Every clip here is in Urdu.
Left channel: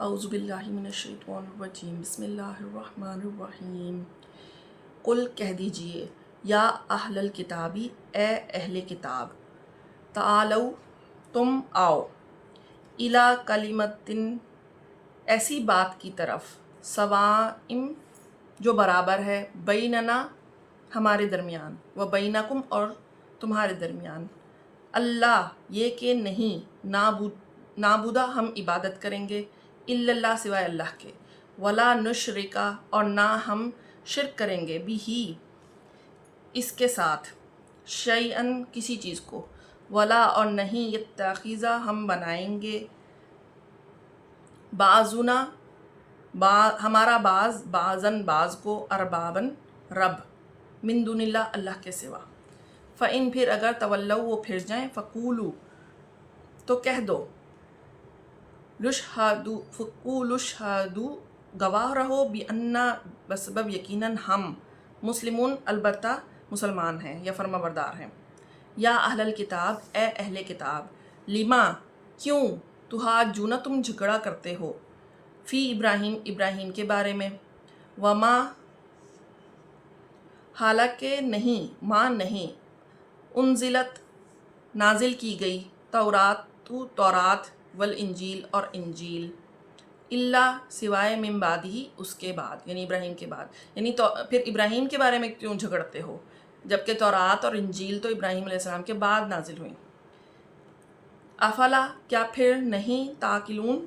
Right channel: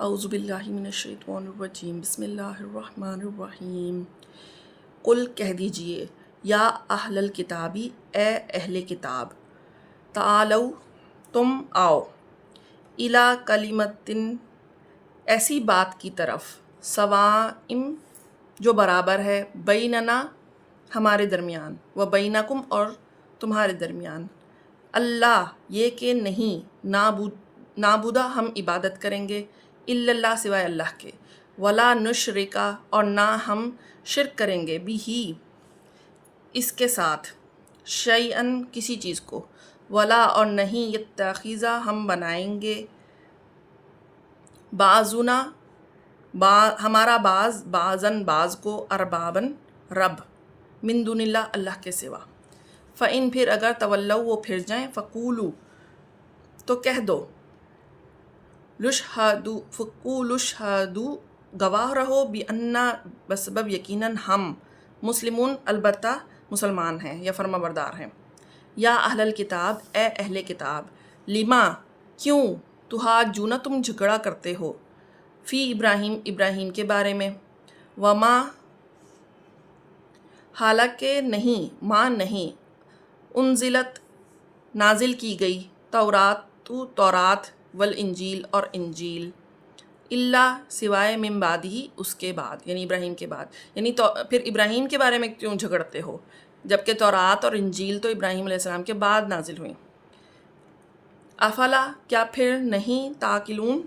اعوذ باللہ من الشیطان الرجیم بسم اللہ الرحمن الرحیم قل کہہ دیجئے یا اہل الکتابی اے اہل کتاب تعالو تم آؤ الی کلمتن ایسی بات کی طرف سواء جو برابر ہے بیننا ہمارے درمیان و بینکم اور تمہارے درمیان اللہ یہ کہ نہیں نابودہ ہم عبادت کریں گے الا اللہ سوائے اللہ کے ولا نشرکا اور نہ ہم شرک کریں گے بھی اس کے ساتھ شیئن کسی چیز کو ولا اور نہیں یتخذا ہم بنائیں گے بعضنا ہمارا بعضن بعض کو اربابن رب من دون اللہ اللہ کے سوا فَإِن پھر اگر تولوا وہ پھر جائیں فقولو تو کہہ دو فقولوا اشہدوا گواہ رہو بِأَنَّا بسبب یقیناً ہم مسلمون البتہ مسلمان ہیں یا فرما بردار ہیں یا اہل الکتاب اے اہل کتاب لما کیوں تحاجون تم جھگڑا کرتے ہو فی ابراہیم کے بارے میں وما حالانکہ نہیں ماں نہیں انزلت نازل کی گئی تورات والانجیل اور انجیل اللہ سوائے من بعد ہی اس کے بعد یعنی ابراہیم کے بعد یعنی تو پھر ابراہیم کے بارے میں کیوں جھگڑتے ہو جبکہ تورات اور انجیل تو ابراہیم علیہ السلام کے بعد نازل ہوئیں افلا کیا پھر نہیں تعقلون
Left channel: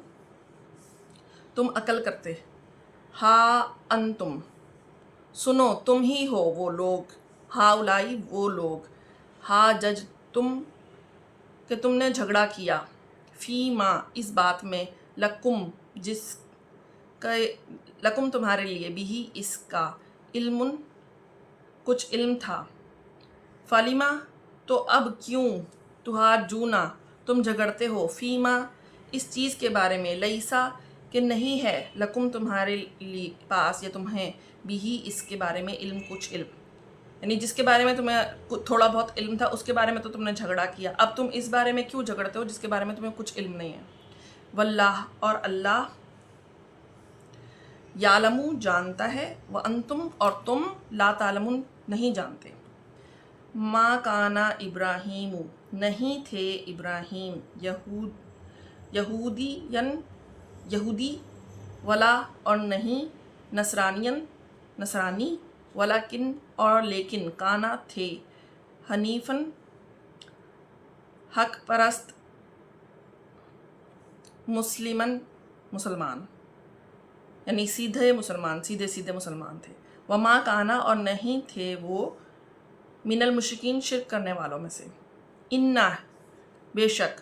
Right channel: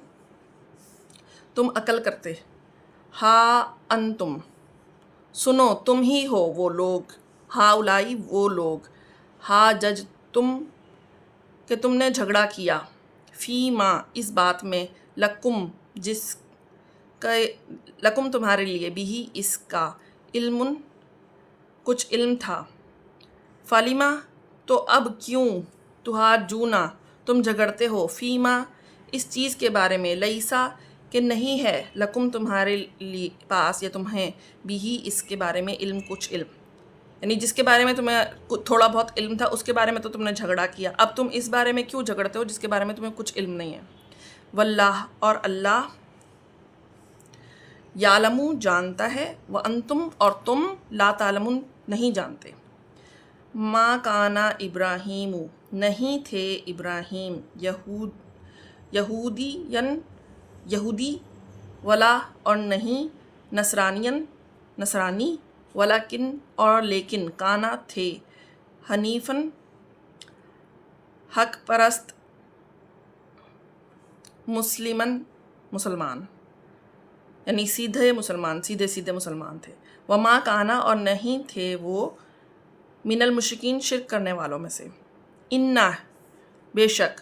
تم عقل کرتے ہا انتم سنو تم ہی ہو وہ لوگ ہا اولائی وہ لوگ ہا جج تم کہ تم نے جھگڑا کیا فی ماں اس بات میں لکم جس کا لکم تمہارے لیے بھی اس کا علم کچھ علم تھا فلیما تو اب کیوں تحاجونا تم جھگڑتے ہو فی ماں اس چیز کے بارے میں لیسا کہ نہیں ہے لکم تمہارے پاس یا تمہیں بھی اس کے بارے میں علم کچھ علم یعنی جس کے بارے میں تمہیں تھوڑا بہت علم تھا اس کے بارے میں تو تم نے جھگڑا کیا اب تم اس بارے میں کیوں جھگڑتے ہو جس کے بارے میں تمہیں کچھ علم نہیں ہے واللہ اور اللہ یعلم جانتا ہے وانتم اور تم لا تعلمون نہیں جانتے ما کانا ابراہیم نہیں تھے ابراہیم یہودی ولا اور نہیں نصرانی ولیکن اور لیکن کانا تھے حنیفن حق پرست مسلمان یعنی سیدھے مسلمان تھے وما کانا اور نہیں تھے وہ من المشرکین شرک کرنے والوں میں سے انا بے شک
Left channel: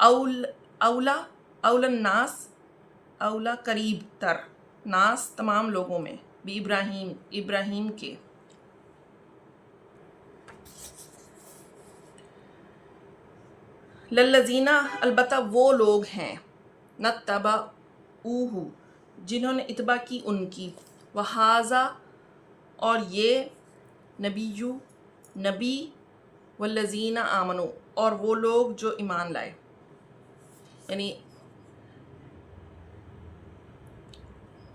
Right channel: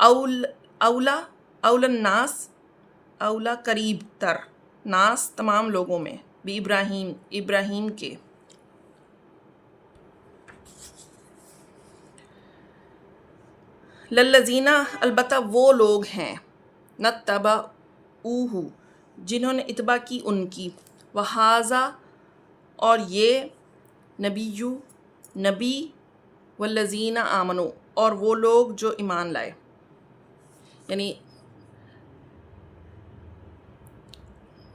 اولا الناس اولا قریب تر ناس تمام لوگوں میں بھی ابراہیم کے للذینہ البتہ وہ لوگ ہیں نتبعوہ جنہوں نے اتباع کی ان کی وہذا اور یہ نبی والذین آمنوا اور وہ لوگ جو ایمان لائے یعنی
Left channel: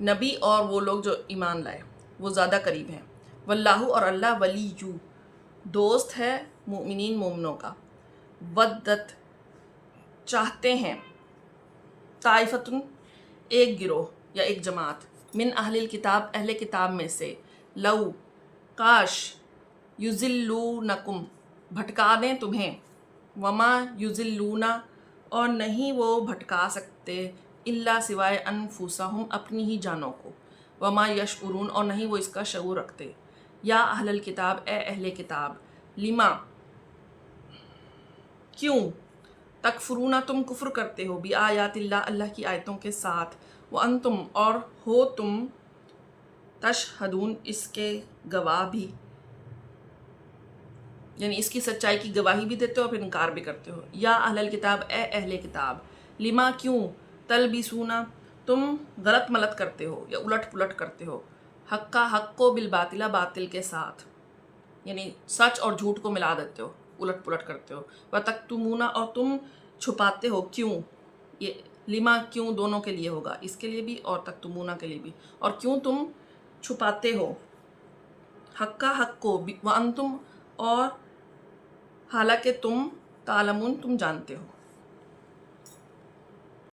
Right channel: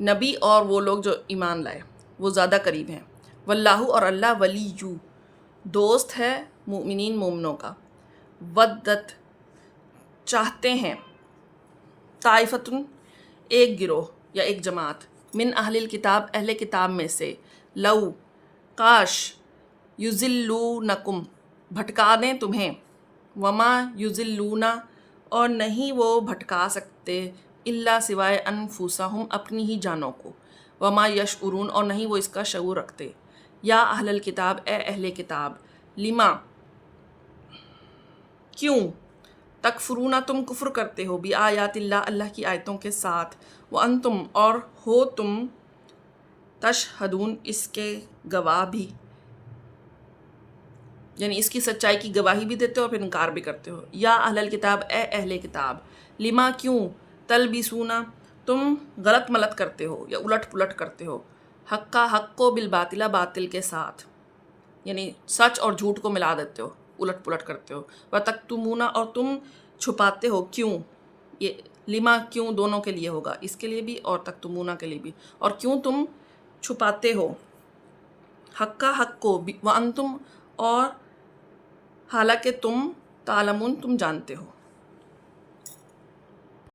نبی اور وہ لوگ جو ایمان لائے وہ زیادہ قریب ہیں واللہ اور اللہ ولیو دوست ہے مومنوں کا ودت چاہتے ہیں طائفتن ایک گروہ یا ایک جماعت من اہل کتاب میں سے لو کاش یضلونکم بھٹکا دیں تمہیں وما یضلون اور نہیں وہ بھٹکا سکتے الا سوائے انفسہم اپنی ہی جانوں کو وما یشعرون اور نہیں وہ اس کا شعور رکھتے یا اہل الکتاب اے اہل کتاب لما کیوں تکفرون تم کفر کرتے ہو بآیات اللہ کی آیتوں کے ساتھ وانتم اور ہو تم تشہدون اس کے گواہ بھی یعنی اس کی سچائی کی گواہی بھی دیتے ہو اور پھر انکار بھی کرتے ہو یا اہل الکتاب اے اہل کتاب لما کیوں تلبسون تم غلط ملط کرتے ہو یا الٹ پلٹ کرتے ہو حق کو بالباطل باطل کے ساتھ یعنی سچ اور جھوٹ کو ملا دیتے ہو الٹ پلٹ کرتے ہو وتکتمون اور تم چھپاتے ہو کیوں یہ لما کیوں دونوں کے لیے ہوگا، اس کے لیے بھی اور تکتمونہ کے لیے بھی. اور کیوں تم چھپاتے ہو حق کا حق کو، وانتم اور حالانکہ تم تعلمون تم جانتے ہو.